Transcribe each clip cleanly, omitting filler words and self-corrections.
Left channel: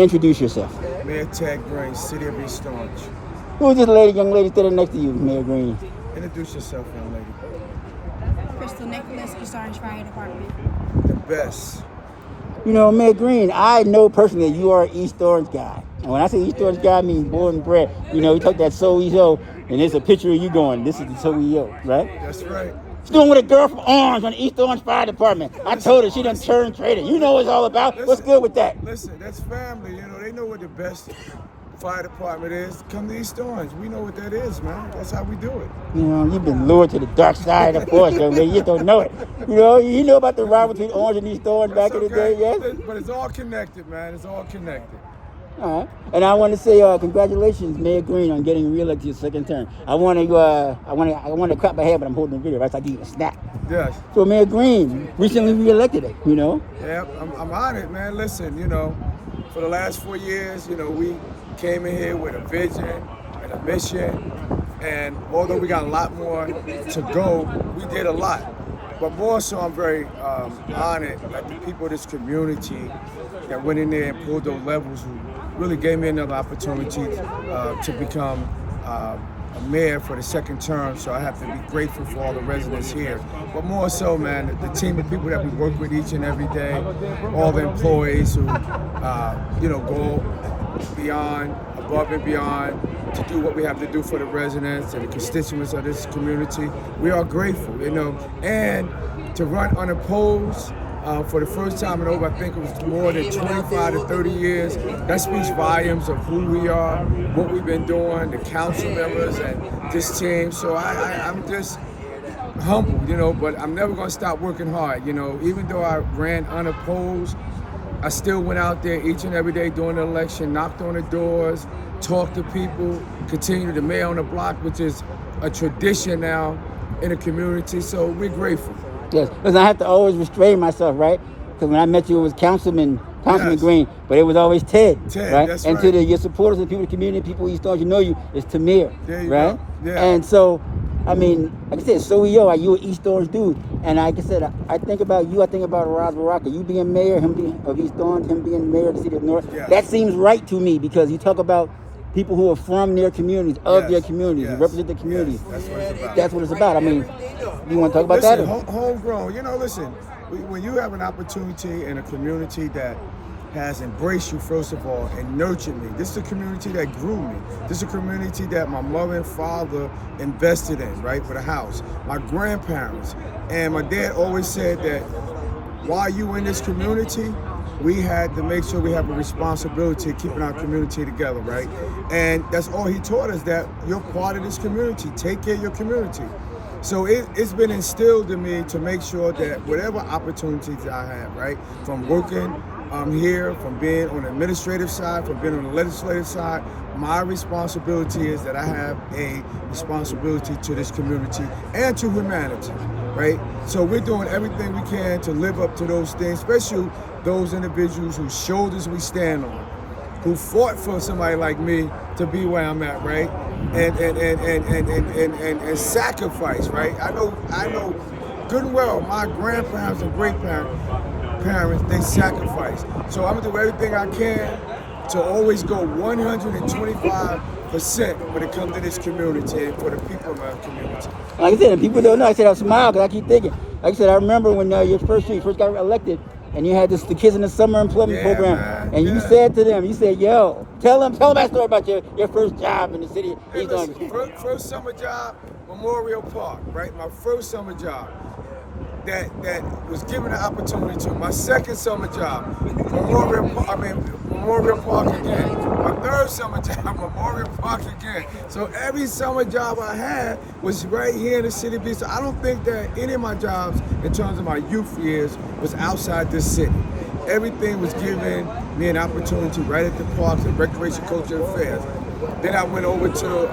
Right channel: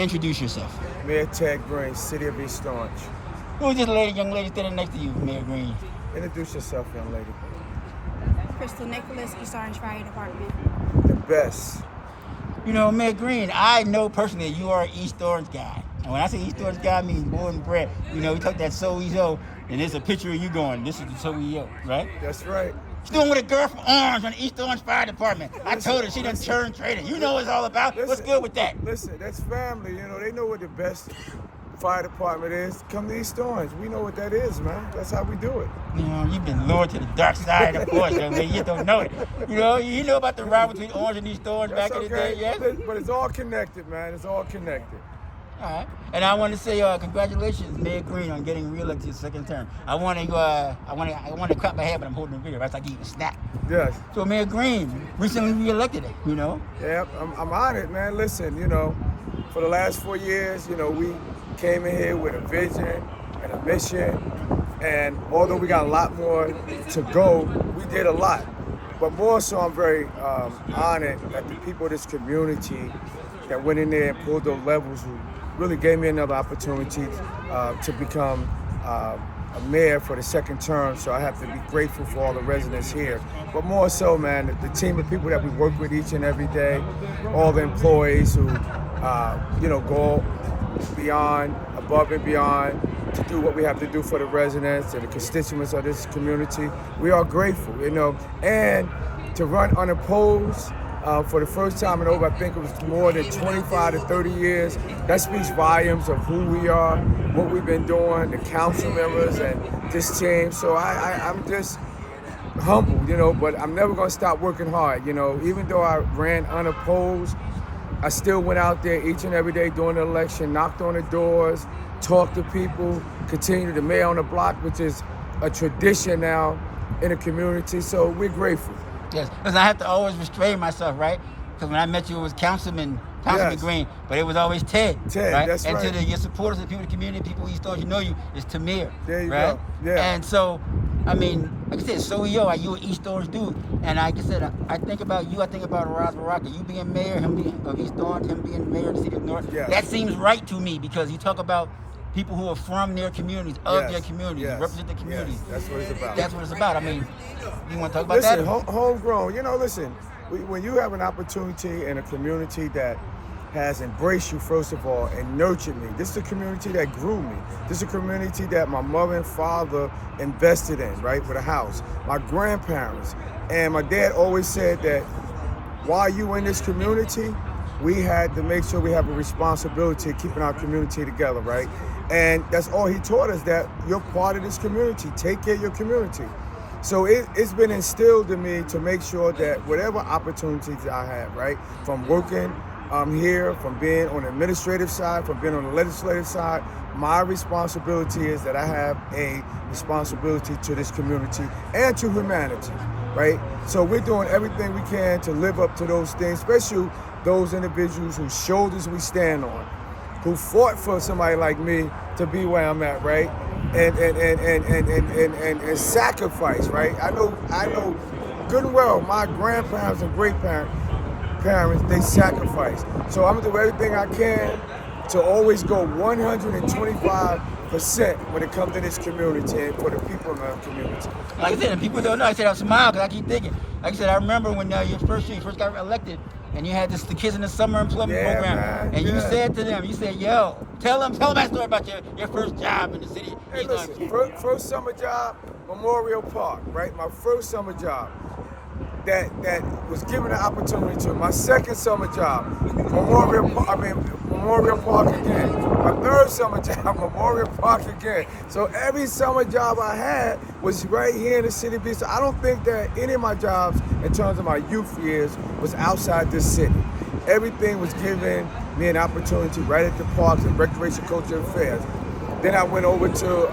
Introduce yourself. Mayor Ted Green, City of East Orange. Who is this young lady standing next to you, Mayor Green? Introduce yourself, young lady. Crystal Nicholas, East Orange Fire Department. The best. You know, Mayor Green, I know personally you are an East Orange guy. And when I say East Orange guy, I mean born and bred. You know, we took that SoEO, and there's a picture of you going, this is the SoEO, right? That's right. She's doing with a girl from Orange on the East Orange Fire Department. I told her she done turned traitor. You know what it's all about. What's good with that? Listen, that's family. You know, they know what the best fire department is. Come to East Orange. We know what that is, man. That's how we do it. You know, you've been lured to the dark side, of course, young lady. You don't know it. You know about the rivalry between Orange and East Orange back in the day, yes? But it's all connected, man. It's all connected. All right. And I want to say congratulations, Mayor Green, on getting reelected your second term. I want to cut my hair, but I'm holding the video. Right, so I give you a snap. Yes. So Mayor Green recently reelected it. You know. Yeah, I'm on it, man. Listen, you know, for the last 4 years, you know, we came in here with a vision and a mission, and although we got a lot more to go, we did a lot. But more so, I'm very honored that the people of this community that went in there and pulled those levels who really gave me another opportunity to become a mayor for the second term. So I have to be grateful for all the residents here. But more so, man, the team of people that we work with each and every day, all the employees who, go beyond, above and beyond to do what we have to do for the residents and the constituents of this community. We are grateful, you know, and to run unopposed for the first time in over, I think it was more than 25 to 30 years. That speaks volumes of who we are, what we've been doing, the council members and this team. So I'm just humbled, you know, but I'm never gonna stop working hard, you know. Even though I ran unopposed, I still went out there each and every day during the election, knocked on the doors, talked to people, continued to mayor on the block, which is a tradition now in the community. So we're grateful. Yes, because I have to always restrain myself, right? Because when I met you, it was Councilman Yes. Green, but it was always Ted. Ted, right? that's and right. to your supporters, the people in the community, people in East Orange, you know you, it's Tamir. There you right? go. Yeah. And so, I mean, like I said, SoEO, you an East Orange dude. And like I said, I think about you, I think about Raz Baraka. You being mayor, him being of East Orange, him being mayor of the city of North. Yes. That seems right to me because you talk about people who are from their communities, of Yes. their communities, Yes. represent the communities. Yes. That's what it's about. That's what it's about. I mean, you want to talk about Listen, that? homegrown. You know, listen, when you have an opportunity in a community that has embraced you, first of all, and nurtured me. This is a community that grew me. This is a community that my mother and father invested in, right, with a house. My grandparents. And my dad always said that while you in this community, we had to make sure we have a responsibility of keeping our community together, right? And that's all he taught us, that you're part of this community. Take care of your community. So it's been instilled in me to make sure that whatever opportunities I have, right, from working here, from being on the administrative side, from being on the legislative side, my responsibility is that I have a responsibility to this community and to humanity, right? So we're doing everything we can to live up to those things, especially those individuals whose shoulders we stand on, who fought for somebody like me to be where I'm at, right? And sacrifice, right? I know good and well my grandparents and great-parents, they sacrificed. So I'm gonna do everything I can to always go 125% when it comes to this community and for the people in our community. Like I said, and people don't know. I said I smile because I keep thinking. Like I said, I remember when you first got elected, and you had the Kids in the Summer Employment Program, man, and you yeah. said to them, you said, "Yo, tell that story about your first job in the city." Hey, listen, first summer job, Memorial Park, right? My first summer job. That was given the opportunity to. My second summer job, Memorial Park again. My third summer job, Memorial Park again. So every summer job I had was right here in the city of East. I don't think that any of my jobs, in terms of my youth years, was outside this city. Everything was given me an opportunity right at the parks and recreation, culture, and affairs. Then I went over to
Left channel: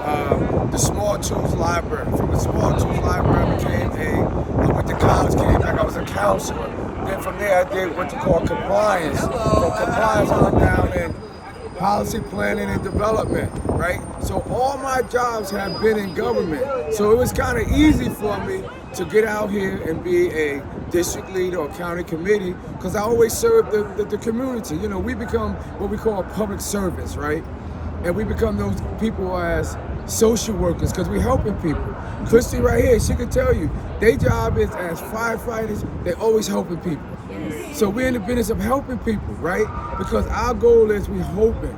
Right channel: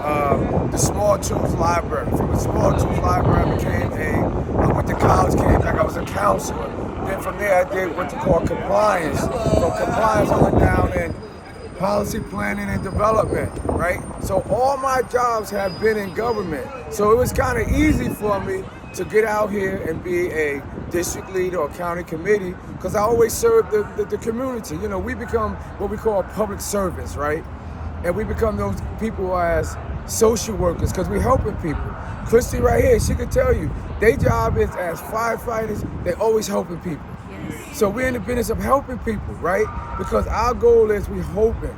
the Small Tools Library. From the Small Tools Library, I went to college, came back, I was a counselor. Then from there, I did what you call compliance. From compliance on down in policy planning and development, right? So all my jobs have been in government. So it was kind of easy for me to get out here and be a district leader or county committee because I always serve the community. You know, we become what we call public servants, right? And we become those people as social workers because we're helping people. Christy right here, she could tell you, their job is as firefighters, they're always helping people. So we're in the business of helping people, right? Because our goal is we're hoping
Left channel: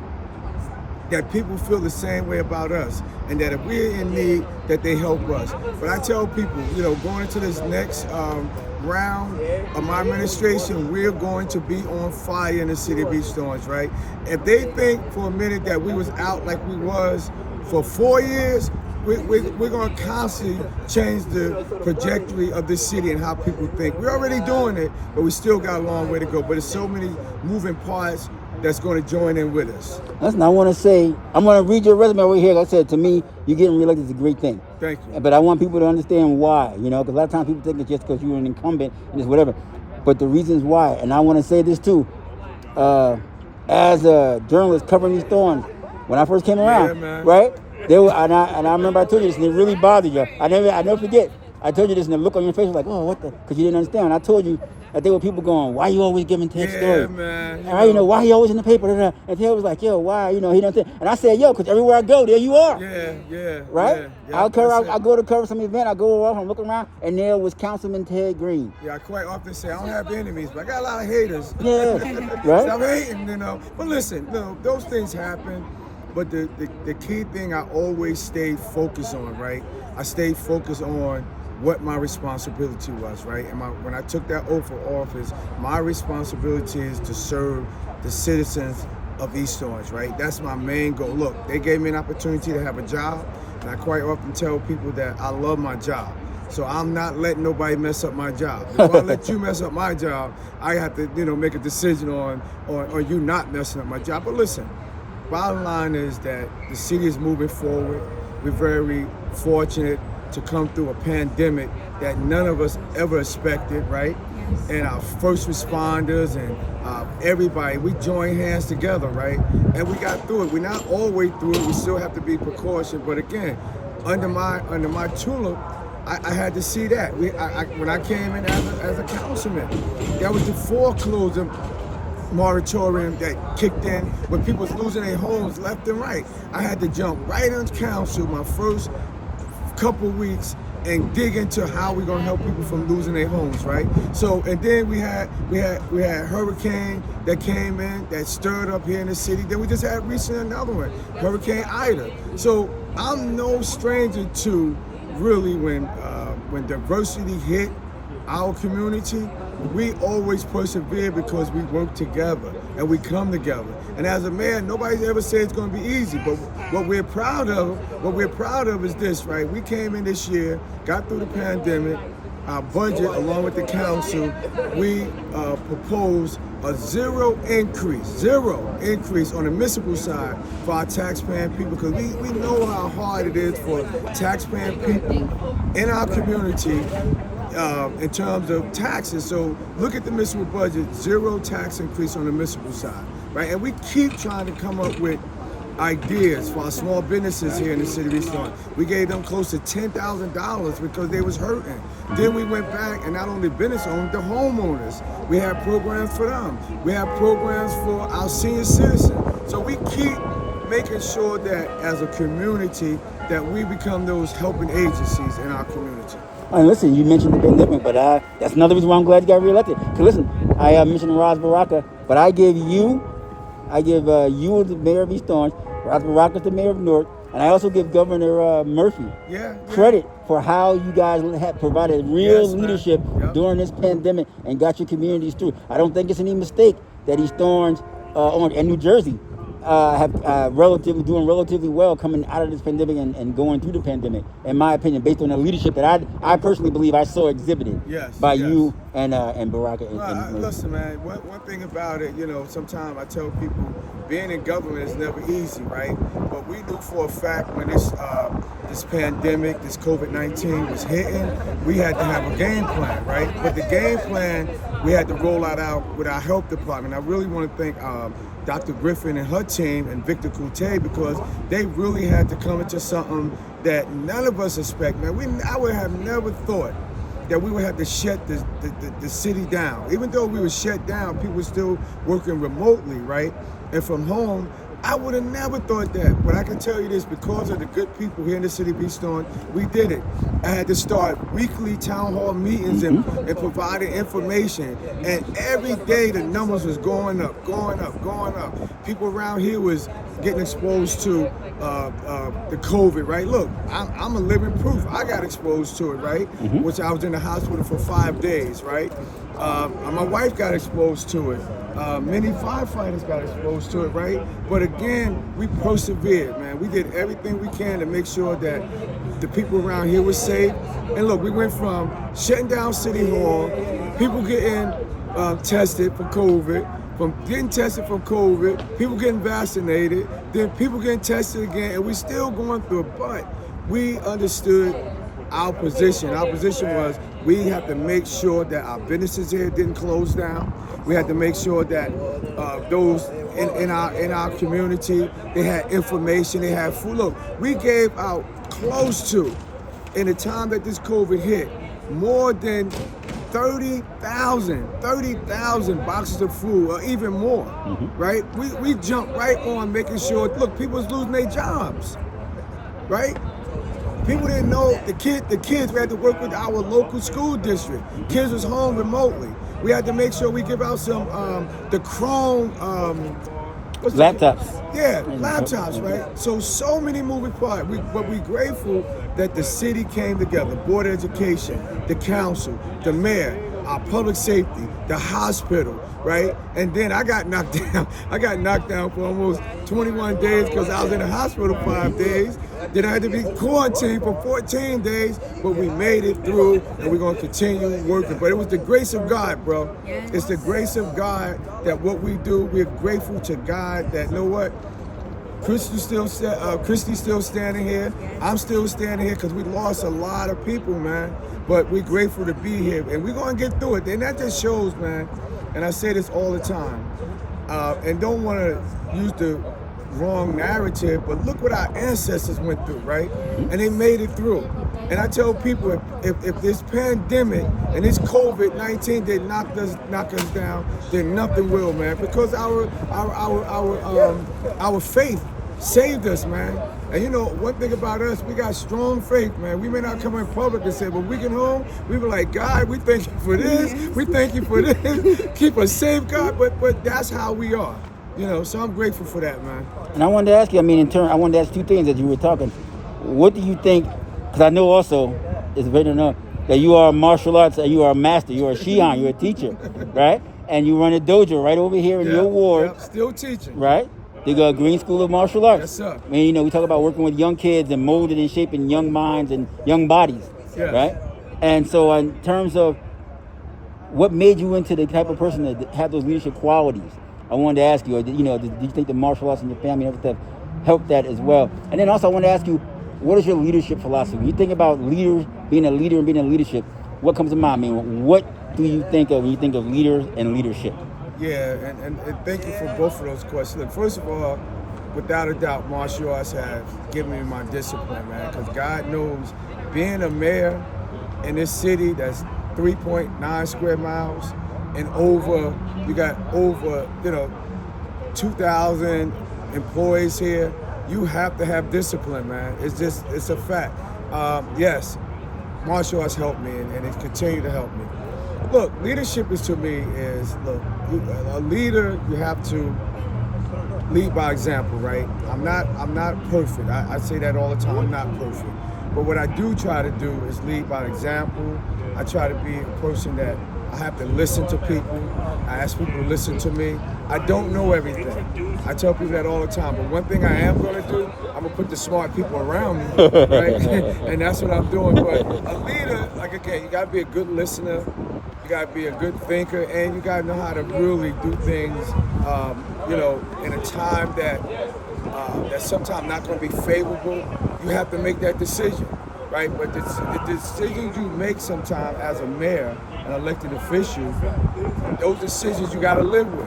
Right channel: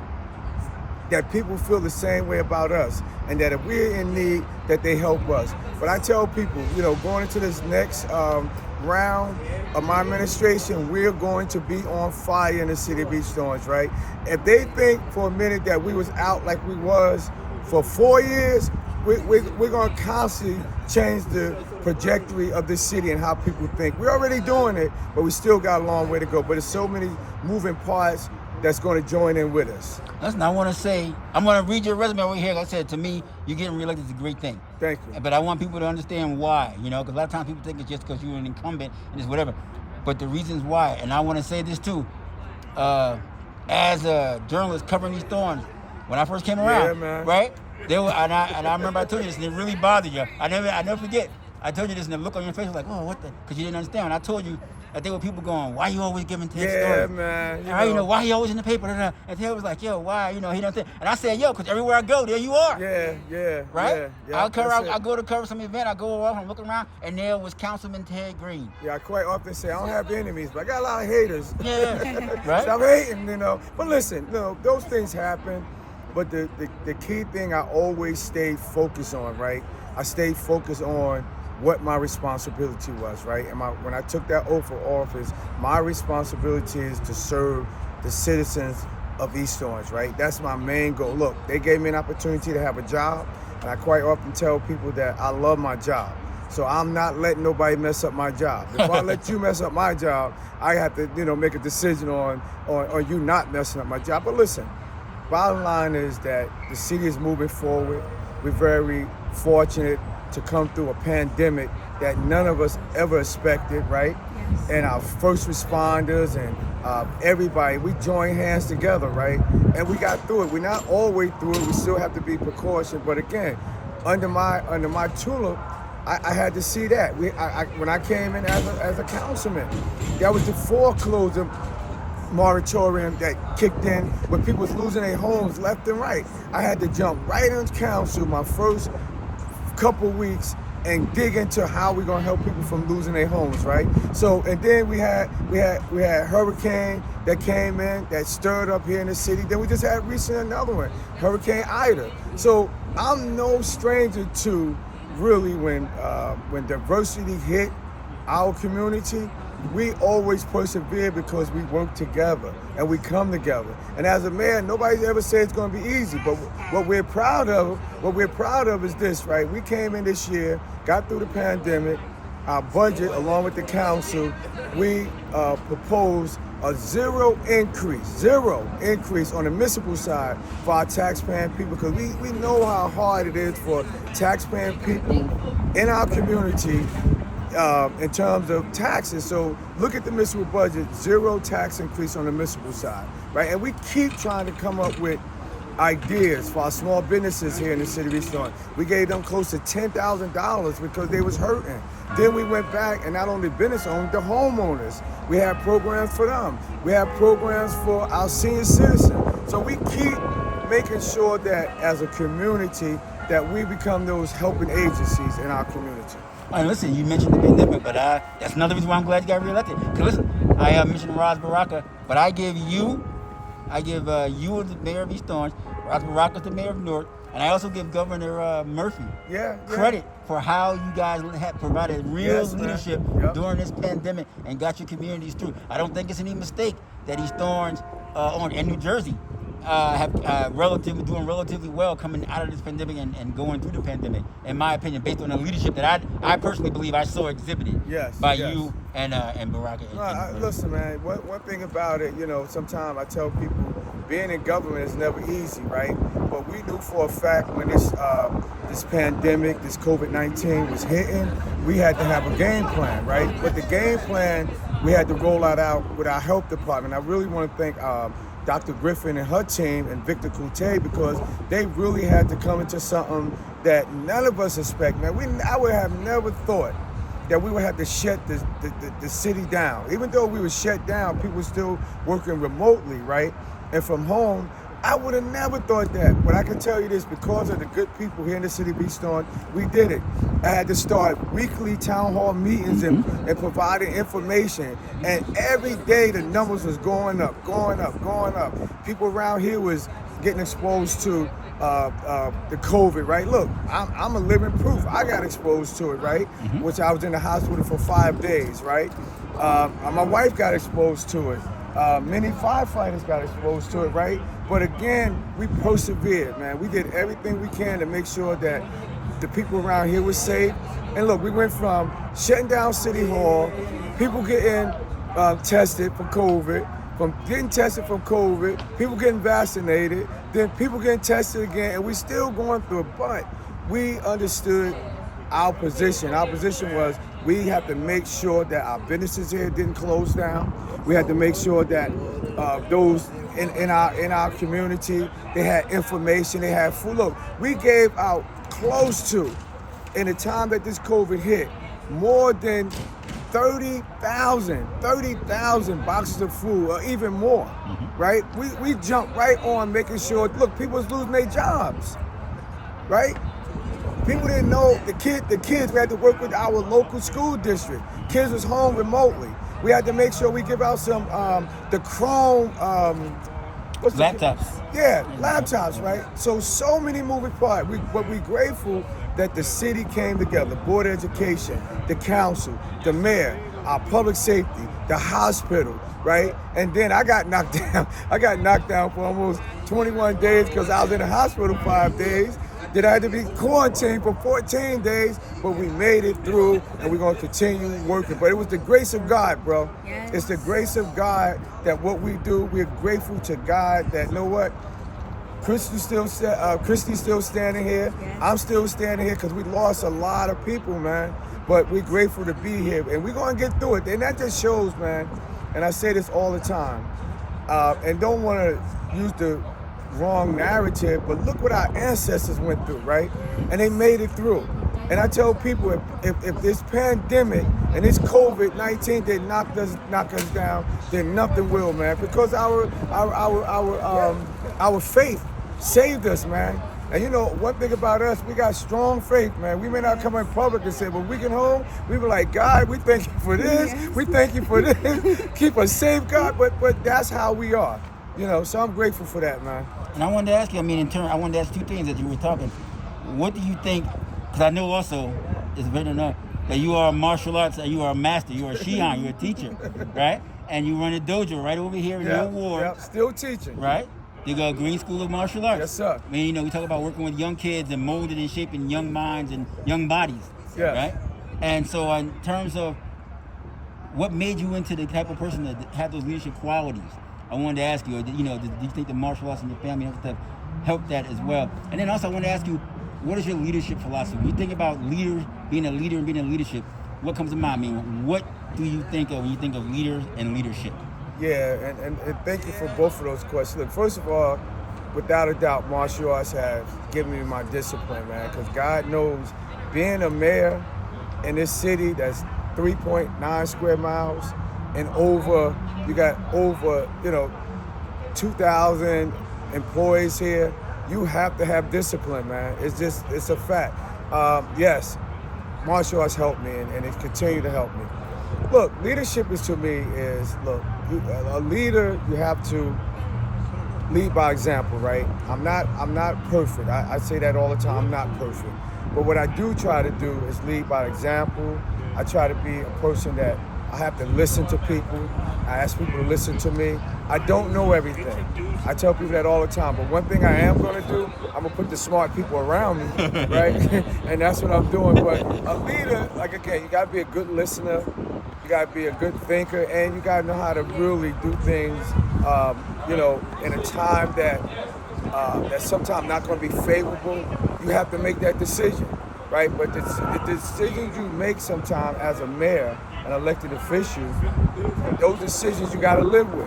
that people feel the same way about us and that if we're in need, that they help us. But I tell people, you know, going into this next round of my administration, we're going to be on fire in the city of East Orange, right? If they think for a minute that we was out like we was for 4 years, we're going to constantly change the trajectory of this city and how people think. We're already doing it, but we still got a long way to go. But there's so many moving parts that's going to join in with us. Listen, I want to say, I'm going to read your resume over here. Like I said, to me, you getting reelected is a great thing. Thank you. But I want people to understand why, you know, because a lot of times people think it's just because you're an incumbent and it's whatever. But the reasons why, and I want to say this too, as a journalist covering these storms, when I first came around, Yeah, man. right? They were, and I remember I told you this, and it really bothered you. I never forget. I told you this, and the look on your face was like, oh, what the? Because you didn't understand. And I told you that there were people going, why you always giving Ted Yeah, story? man. You know, why he always in the paper? And Ted was like, yo, why? You know, he don't think. And I said, yo, because everywhere I go, there you are. Yeah. Right? Yeah, I go to cover some event, I go off, I'm looking around, and there was Councilman Ted Green. Yeah, I quite often say I don't have enemies, but I got a lot of haters. Yeah, right? Stop hating, you know. But listen, you know, those things happen. But the key thing I always stayed focused on, right? I stayed focused on what my responsibility was, right? And when I took that oath of office, my responsibility is to serve the citizens of East Orange, right? That's my main goal. Look, they gave me an opportunity to have a job, and I quite often tell people that I love my job. So I'm not letting nobody mess up my job. If I let you mess up my job, I have to, you know, make a decision on you not messing up my job. But listen, bottom line is that the city is moving forward. We're very fortunate to come through a pandemic that none of us ever expected, right? Yes. And our first responders and everybody, we joined hands together, right? And we got through it. We're not all the way through it. We still have to be precautioned. But again, under my tulip, I had to see that. When I came in as a councilman, that was the foreclosure moratorium that kicked in when people was losing their homes left and right. I had to jump right on council my first couple weeks and dig into how we're gonna help people from losing their homes, right? So, and then we had hurricane that came in that stirred up here in the city. Then we just had recently another one, Hurricane Ida. So I'm no stranger to really when diversity hit our community, we always persevere because we work together and we come together. And as a mayor, nobody's ever said it's going to be easy. But what we're proud of is this, right? We came in this year, got through the pandemic. Our budget, along with the council, we proposed a zero increase on the municipal side for our taxpaying people, because we know how hard it is for taxpaying people in our community in terms of taxes. So look at the municipal budget, zero tax increase on the municipal side, right? And we keep trying to come up with ideas for our small businesses here in the city of East Orange. We gave them close to $10,000 because they was hurting. Then we went back and not only business owners, the homeowners. We have programs for them. We have programs for our senior citizens. So we keep making sure that as a community that we become those helping agencies in our community. And listen, you mentioned the pandemic, but that's another reason why I'm glad you got reelected. Because listen, I mentioned Ras Baraka, but I give you as the mayor of East Orange, Ras Baraka is the mayor of Newark, and I also give Governor Murphy credit for how you guys have provided real leadership during this pandemic and got your communities through. I don't think it's any mistake that East Orange and New Jersey have doing relatively well coming out of this pandemic and going through the pandemic, in my opinion, based on the leadership that I personally believe I saw exhibited by you and Baraka. Listen, man, one thing about it, you know, sometimes I tell people being in government is never easy, right? But we knew for a fact when this pandemic, this COVID-19 was hitting, we had to have a game plan, right? But the game plan, we had to roll out with our health department. I really want to thank Dr. Griffin and her team and Victor Coute, because they really had to come into something that none of us expect, man. I would have never thought that we would have to shut the city down. Even though we were shut down, people were still working remotely, right? And from home. I would have never thought that, but I can tell you this, because of the good people here in the city of East Orange, we did it. I had to start weekly town hall meetings and providing information, and every day the numbers was going up. People around here was getting exposed to the COVID, right? Look, I'm a living proof. I got exposed to it, right? Which I was in the hospital for 5 days, right? My wife got exposed to it. Many firefighters got exposed to it, right? But again, we persevered, man. We did everything we can to make sure that the people around here were safe. And look, we went from shutting down City Hall, people getting tested for COVID, from getting tested for COVID, people getting vaccinated, then people getting tested again, and we're still going through it. But we understood our position. Our position was we have to make sure that our businesses here didn't close down. We had to make sure that those in our community, they had information, they had food. Look, we gave out close to, in the time that this COVID hit, more than 30,000 boxes of food, or even more, right? We jumped right on making sure, look, people was losing their jobs, right? People didn't know, the kids, we had to work with our local school district. Kids was home remotely. We had to make sure we give out some, the Chrome, Laptops. Yeah, laptops, right? So many moving parts. But we're grateful that the city came together, Board of Education, the council, the mayor, our public safety, the hospital, right? And then I got knocked down. I got knocked down for almost 21 days because I was in the hospital 5 days. Then I had to be quarantined for 14 days, but we made it through, and we're gonna continue working. But it was the grace of God, bro. Yes. It's the grace of God that what we do, we're grateful to God that, you know what? Christy's still standing here. Yes. I'm still standing here because we lost a lot of people, man. But we're grateful to be here, and we're gonna get through it. And that just shows, man, and I say this all the time, and don't wanna use the wrong narrative, but look what our ancestors went through, right? And they made it through. And I tell people, if this pandemic and this COVID-19 did knock us down, then nothing will, man. Because our faith saved us, man. And you know, one thing about us, we got strong faith, man. We may not come in public and say, but we get home, we were like, God, we thank you for this, we thank you for this, keep us safe, God. But that's how we are, you know. So I'm grateful for that, man. And I wanted to ask you, I wanted to ask two things as you were talking. What do you think, because I know also, it's very to know, that you are martial arts, you are a master, you are a Shihan, you're a teacher, right? And you run a dojo right over here in your ward. Yep, still teaching. Right? The Green School of Martial Arts. Yes, sir. I mean, you know, we talk about working with young kids and molding and shaping young minds and young bodies, Yes. right? And so in terms of what made you into the type of person that had those leadership qualities, I wanted to ask you, you know, do you think the martial arts in your family and everything helped that as well? And then also I want to ask you, what is your leadership philosophy? When you think about leaders, being a leader and being in leadership, what comes to mind? I mean, what do you think of when you think of leaders and leadership? Yeah, and thank you for both of those questions. Look, first of all, without a doubt, martial arts have given me my discipline, man, because God knows being a mayor in this city that's 3.9 square miles and you got over, 2,000 employees here, you have to have discipline, man. It's a fact. Yes, martial arts helped me and it continue to help me. Look, leadership is, to me, a leader, you have to lead by example, right? I'm not perfect. I say that all the time, I'm not perfect. But what I do try to do is lead by example. I try to be a person that I have to listen to people. I ask people to listen to me. I don't know everything. I tell people that all the time. But one thing I am going to do, I'm going to put the smart people around me, right? And that's what I'm doing. But a leader, like, again, you got to be a good listener. You got to be a good thinker. And you got to know how to really do things, in a time that's sometimes not going to be favorable. You have to make that decision, right? But the decisions you make sometimes as a mayor, an elected official, those decisions you got to live with,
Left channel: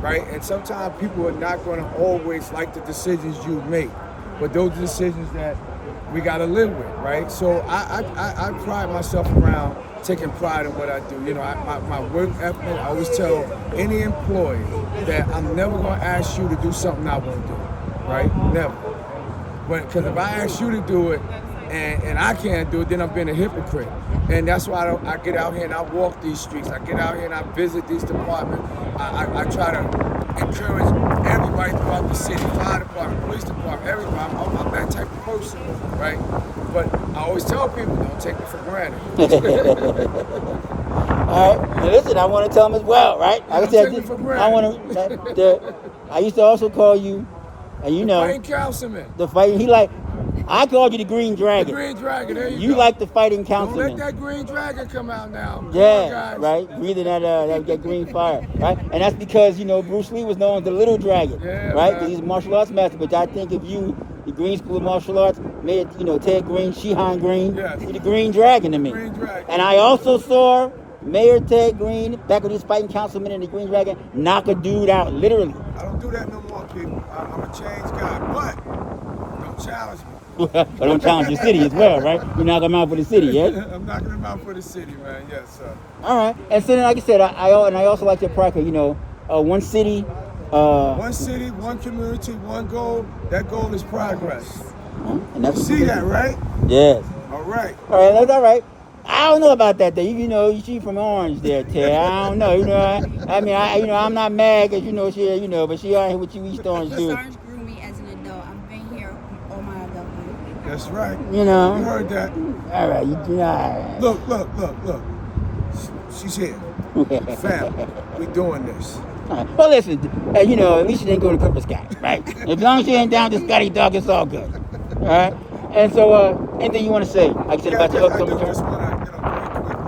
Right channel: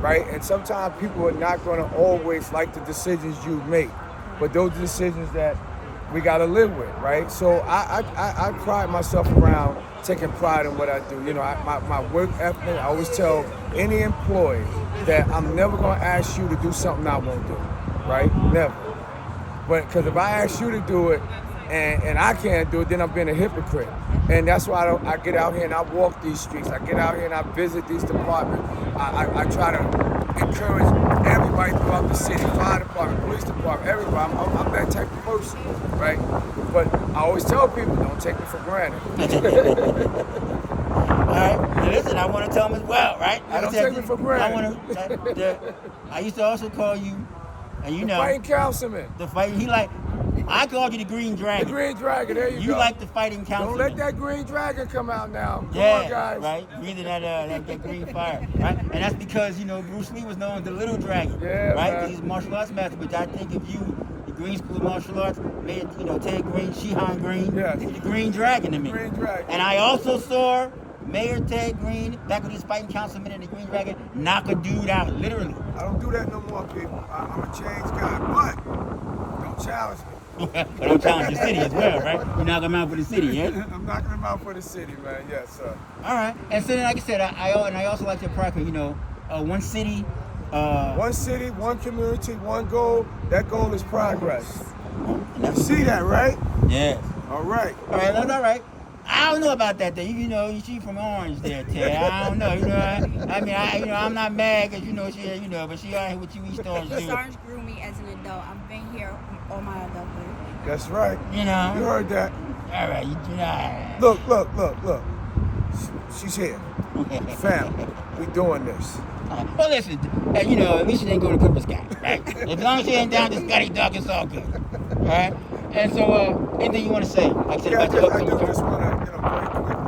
right? And sometimes people are not going to always like the decisions you make, but those are decisions that we got to live with, right? So I pride myself around taking pride in what I do. You know, my work ethic, I always tell any employee that I'm never going to ask you to do something I won't do, right? Never. But because if I ask you to do it and I can't do it, then I'm being a hypocrite. And that's why I get out here and I walk these streets. I get out here and I visit these departments. I try to encourage everybody throughout the city, fire department, police department, everybody. I'm that type of person, right? But I always tell people, don't take me for granted. All right. Now listen, I want to tell them as well, right? Yeah, don't take me for granted. I used to also call you, and you know, Fighting councilman. the fighting. I called you the Green Dragon. The Green Dragon, there you go. You like the fighting councilman. Don't let that Green Dragon come out now. Come Yeah, on, guys. right. Breathing that green fire, right? And that's because Bruce Lee was known as the Little Dragon, Yeah, right? man. Because he's a martial arts master. But I think if you, the Green School of Martial Arts, made Ted Green, Shihan Green, Yes. you're the Green Dragon to me. Green Dragon. And I also saw Mayor Ted Green, back when he was fighting councilman in the Green Dragon, knock a dude out, literally. I don't do that no more, people. I'm a changed guy, but don't challenge me. But don't challenge the city as well, right? You knock him out for the city, yeah? I'm knocking him out for the city, man. Yes, sir. All right. And so then, like I said, I also like your practice, one city. One city, one community, one goal. That goal is progress. And You that's what see you that, do. right? Yes. All right. All right, that's all right. I don't know about that though. You see from Orange there, Ted. I don't know. I'm not mad because she, but she out here with you East Orange East dude. Orange grew me as an adult. I've been here all my adulthood. That's right. You know. You heard that. All right, all right. Look. She's here. Family. We doing this. All right. Well, listen, at least she didn't go to Cooper Scout, right? As long as she ain't down to Scotty Dog, it's all good. All right. And so, anything you want to say? Like I said about your I upcoming do just term? want to, very quickly,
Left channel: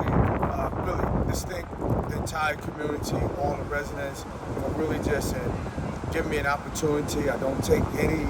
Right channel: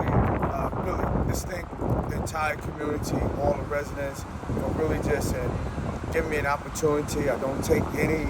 really thank the entire community, all the residents, for really just giving me an opportunity. I don't take any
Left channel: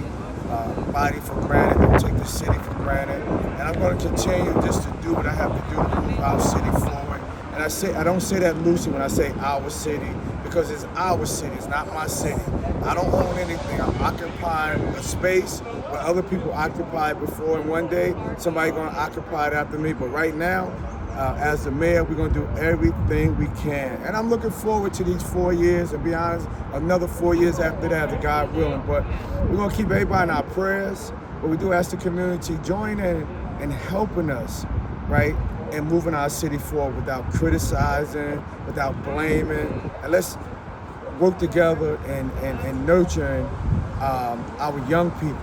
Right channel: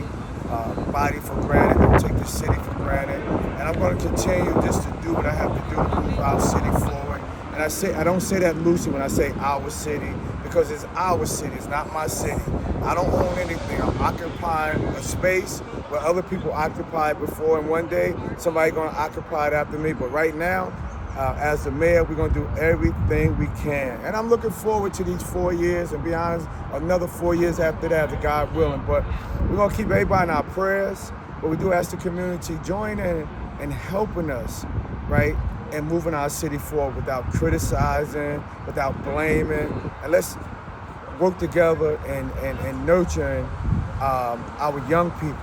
body for granted. Don't take the city for granted. And I'm going to continue just to do what I have to do to move our city forward. And I don't say that loosely when I say our city, because it's our city. It's not my city. I don't own anything. I'm occupying a space where other people occupied before, and one day somebody's going to occupy it after me. But right now, as the mayor, we're going to do everything we can. And I'm looking forward to these 4 years, and be honest, another 4 years after that, if God willing. But we're going to keep everybody in our prayers. But we do ask the community join in and helping us, right? And moving our city forward without criticizing, without blaming. And let's work together and nurturing our young people,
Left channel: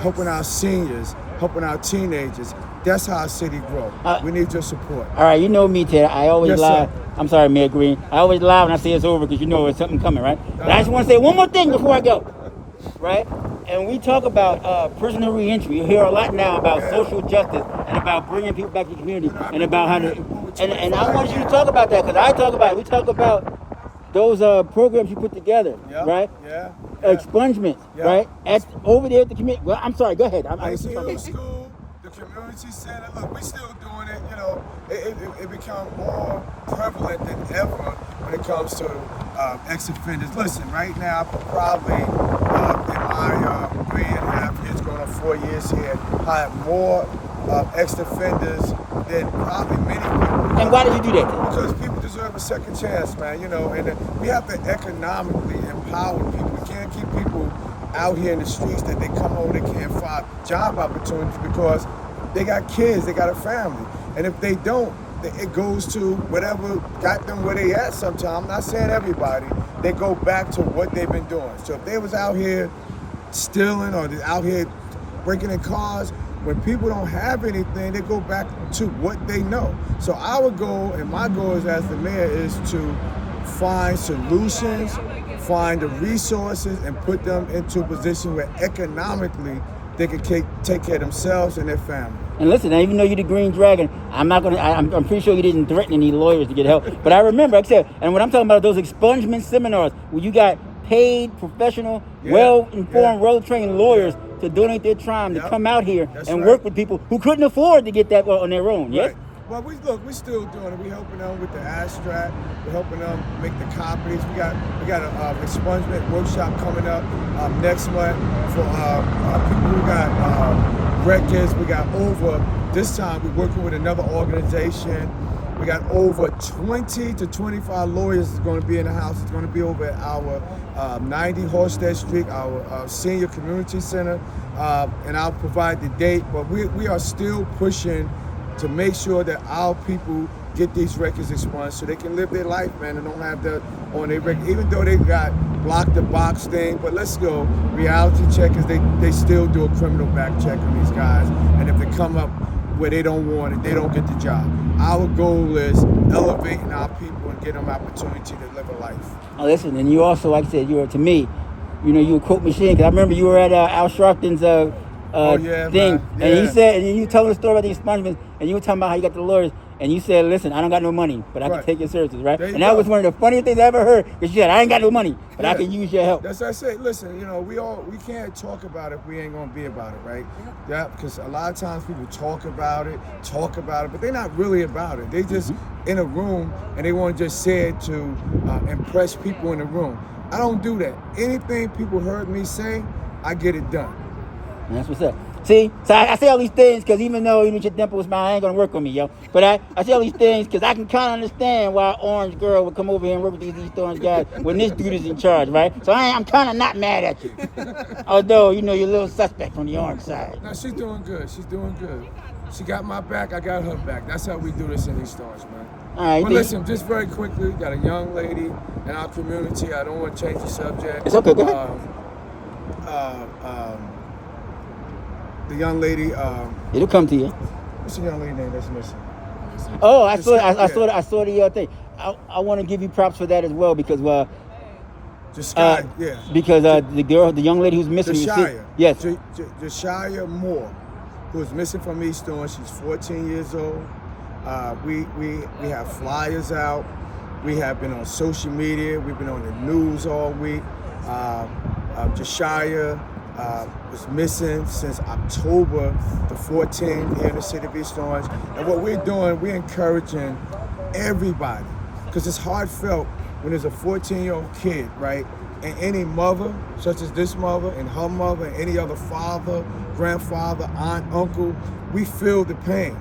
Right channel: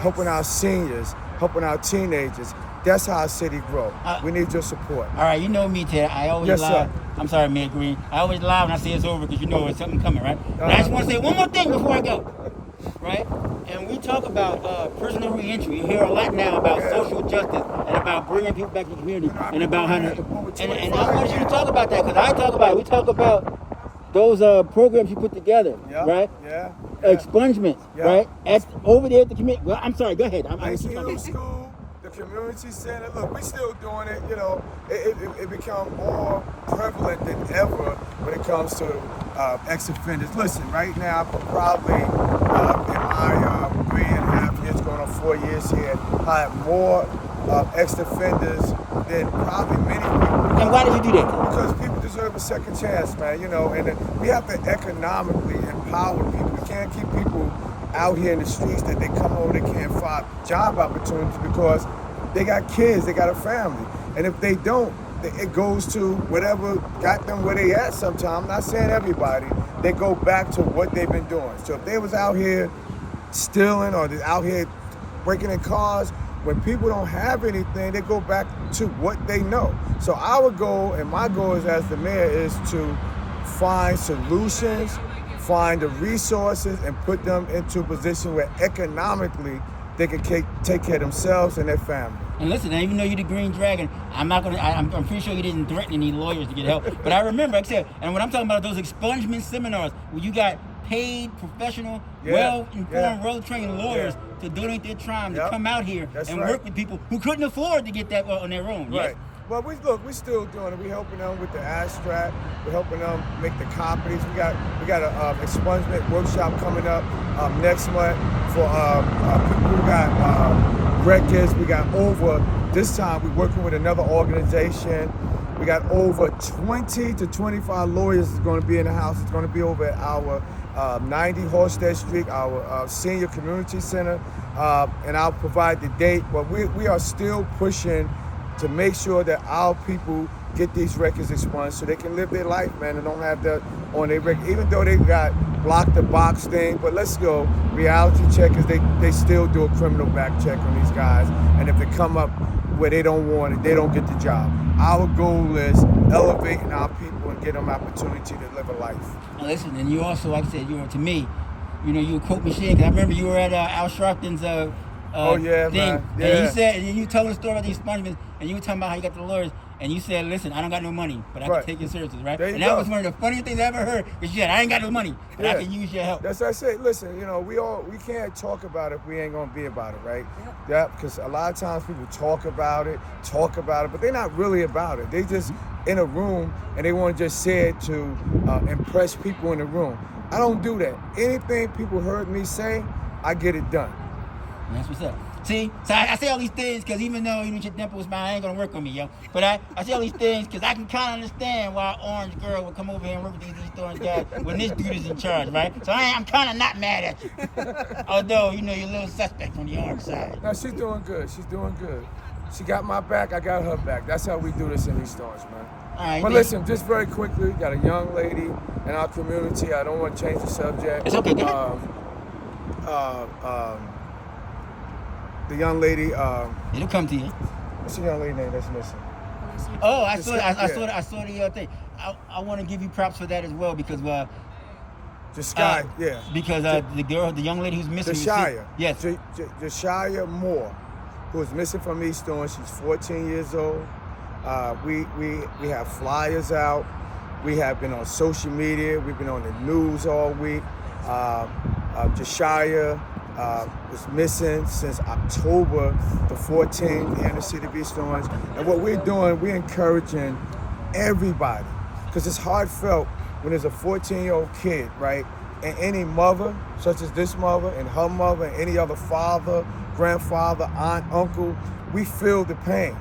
helping our seniors, helping our teenagers. That's how our city grows. We need your support. All right, you know me, Ted. I always Yes, lie. sir. I'm sorry, Mayor Green. I always lie when I say it's over because there's something coming, right? But I just want to say one more thing before I go, right? And we talk about personal reentry. You hear a lot now about social justice and about bringing people back to the community and about how to. And I want you to talk about that because I talk about it. We talk about those programs you put together, Yep, right? Yeah. Expungements, Yep. right? Over there at the community. Well, I'm sorry. Go ahead. Middle School, the community center. Look, we still doing it. It become more prevalent than ever when it comes to ex-offenders. Listen, right now, probably in my 3.5 years, going on 4 years here, I have more ex-offenders than probably many people. And why did you do that? Then? Because people deserve a second chance, man. And we have to economically empower people. We can't keep people out here in the streets that they come home, they can't find job opportunities because they got kids, they got a family. And if they don't, it goes to whatever got them where they at sometimes. I'm not saying everybody. They go back to what they've been doing. So if they was out here stealing or they're out here breaking in cars, when people don't have anything, they go back to what they know. So our goal and my goal as the mayor is to find solutions, find the resources, and put them into a position where economically they can take care of themselves and their family. And listen, even though you're the Green Dragon, I'm pretty sure you didn't threaten any lawyers to get help. But I remember, like I said, and when I'm talking about those expungement seminars, where you got paid, professional, well-informed, well-trained lawyers to donate their time to come out here and work with people who couldn't afford to get that on their own. Yes? Right. Well, we're still doing it. We're helping them with the abstract. We're helping them make the copies. We got a expungement workshop coming up next month for people who got records. We got over this time. We're working with another organization We got over 20 to 25 lawyers that's going to be in the house. It's going to be over at our 90 Halstead Street, our senior community center, and I'll provide the date. But we are still pushing to make sure that our people get these records expunged so they can live their life, man, and don't have that on their record. Even though they got block the box thing, but let's go. Reality check is they still do a criminal back check on these guys, and if they come up where they don't want it, they don't get the job. Our goal is elevating our people and getting them opportunity to live a life. Now listen, and you also, like I said, to me, you a quote machine. Cause I remember you were at Al Sharpton's Oh, yeah, thing, man. Yeah. and he said, and you told the story about the expungements, and you were talking about how you got the lawyers, and you said, listen, I don't got no money, but I Right. can take your services, right? There you And that go. was one of the funniest things I ever heard. Because you said, I ain't got no money, but I Yeah. can use your help. That's what I say. Listen, we can't talk about it if we ain't gonna be about it, right? Yeah, because a lot of times people talk about it, but they're not really about it. They just in a room and they want to just say it to impress people in the room. I don't do that. Anything people heard me say, I get it done. And that's what's up. See, so I say all these things because even though your dimple smile ain't gonna work on me, yo. But I say all these things because I can kind of understand why Orange Girl would come over here and work with these East Orange guys when this dude is in charge, right? So I'm kind of not mad at you. Although, you're a little suspect on the Orange side. No, she's doing good. She's doing good. She got my back, I got her back. That's how we do this in East Orange, man. All right, But then. listen, just very quickly, got a young lady in our community. I don't want to change the subject. It's okay, go ahead. The young lady, It'll come to you. what's the young lady name that's missing? Oh, I saw Yeah. I saw the thing. I want to give you props for that as well because Just Sky, yeah. because the young lady who's missing. Jashia. Yes. Jashia Moore, who is missing from East Orange. She's 14 years old. We have flyers out. We have been on social media. We've been on the news all week. Jashia was missing since October the 14th here in the city of East Orange. And what we're doing, we're encouraging everybody, because it's heartfelt when there's a 14-year-old kid, right? And any mother, such as this mother and her mother and any other father, grandfather, aunt, uncle, we feel the pain,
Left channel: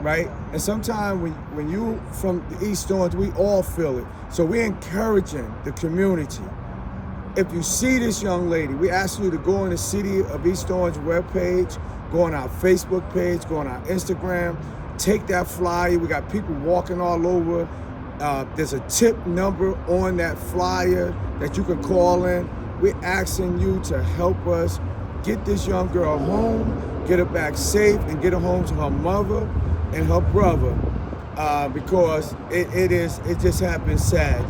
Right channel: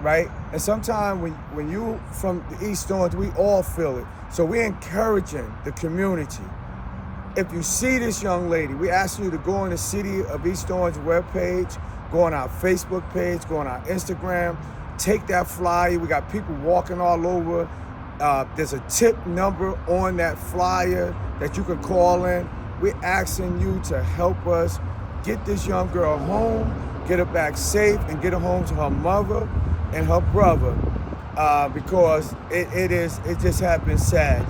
right? And sometimes when you from the East Orange, we all feel it. So we're encouraging the community. If you see this young lady, we ask you to go on the City of East Orange webpage, go on our Facebook page, go on our Instagram, take that flyer. We got people walking all over. There's a tip number on that flyer that you can call in. We're asking you to help us get this young girl home, get her back safe, and get her home to her mother and her brother, because it just has been sad,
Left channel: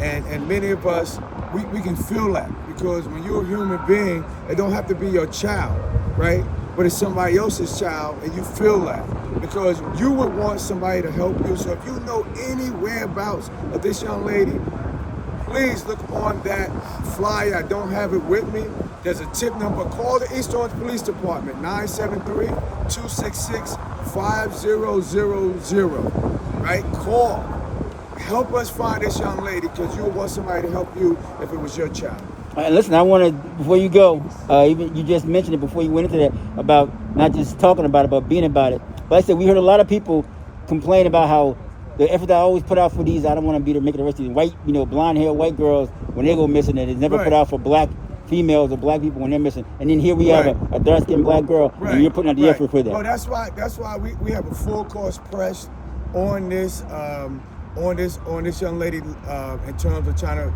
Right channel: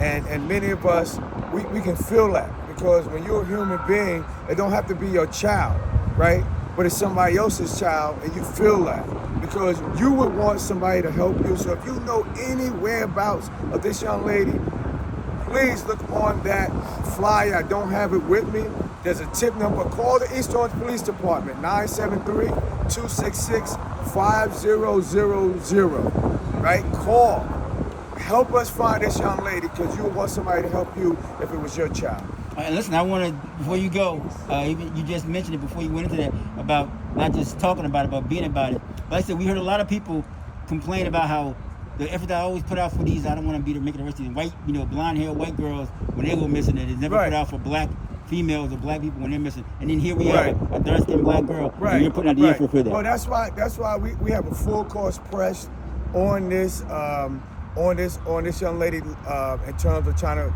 and many of us, we can feel that, because when you're a human being, it don't have to be your child, right? But it's somebody else's child, and you feel that because you would want somebody to help you. So if you know any whereabouts of this young lady, please look on that flyer. I don't have it with me. There's a tip number. Call the East Orange Police Department, 973-266-5000, right? Call. Help us find this young lady, because you would want somebody to help you if it was your child. Listen, I want to, before you go, even you just mentioned it before you went into that, about not just talking about it, but being about it. But like I said, we heard a lot of people complain about how the effort that I always put out for these, I don't want to be the make it the rest of these white, blonde hair white girls when they go missing, and it's never Right. put out for black females or black people when they're missing. And then here we have Right. a dark skinned black girl, and you're putting out the effort for that. Well, that's why we have a full course press on this young lady in terms of trying to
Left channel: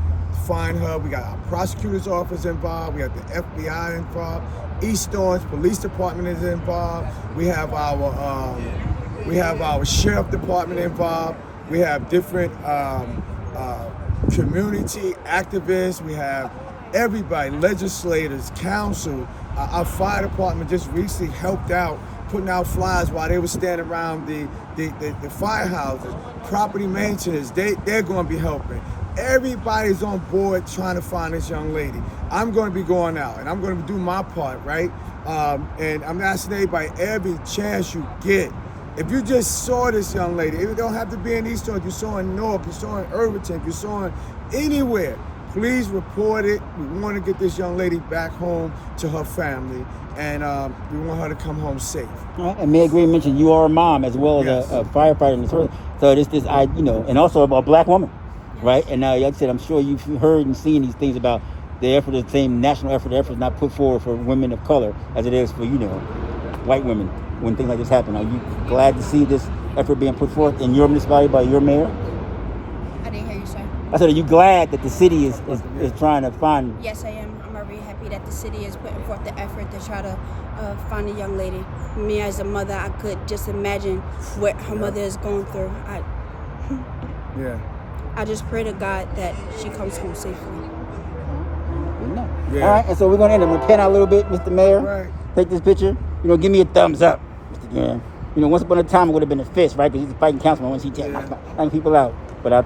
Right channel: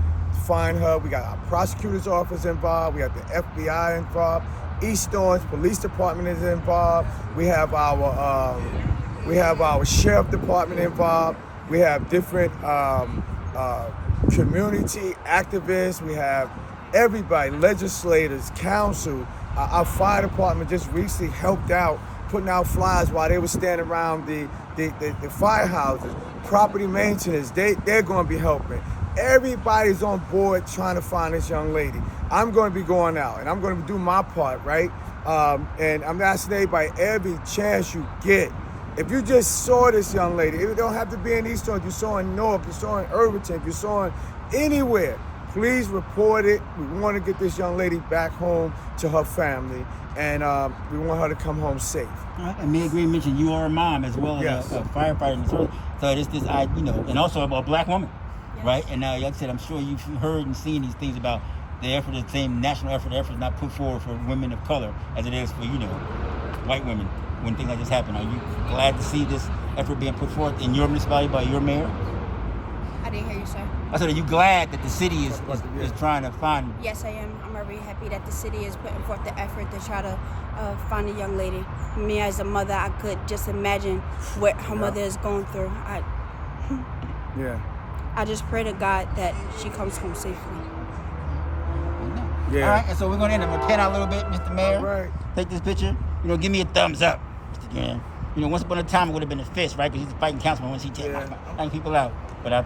find her. We got our prosecutor's office involved. We have the FBI involved. East Orange Police Department is involved. We have our sheriff department involved. We have different community activists. We have everybody, legislators, council. Our fire department just recently helped out, putting out flyers while they were standing around the firehouses. Property maintenance, they're going to be helping. Everybody's on board trying to find this young lady. I'm going to be going out, and I'm going to do my part, right? And I'm asking everybody, every chance you get, if you just saw this young lady, it don't have to be in East Orange, you saw in Newark, you saw in Irvington, you saw in anywhere, Please report it. We want to get this young lady back home to her family, and we want her to come home safe. And Mayor Gray mentioned you are a mom as well as Yes. a firefighter in the service. So and also a black woman, right? And like I said, I'm sure you've heard and seen these things about the effort, the same national effort. The effort is not put forward for women of color as it is for white women when things like this happen. Are you glad to see this effort being put forth in your municipality by your mayor? I didn't hear you, sir. I said, are you glad that the city is trying to find? Yes, I am. I'm very happy that the city is putting forth the effort to try to find a young lady. Me as a mother, I could just imagine what her mother is going through. Yeah. I just pray to God that she comes home safely. Yeah. All right, and so we're going to end it. We're going to pan out a little bit, Mr. Mayor. Right. Take this picture. Give me a thumbs up, Mr. Graham. Once upon a time it would have been a fist, right? Because he's a fighting councilman once he takes people out. But I'll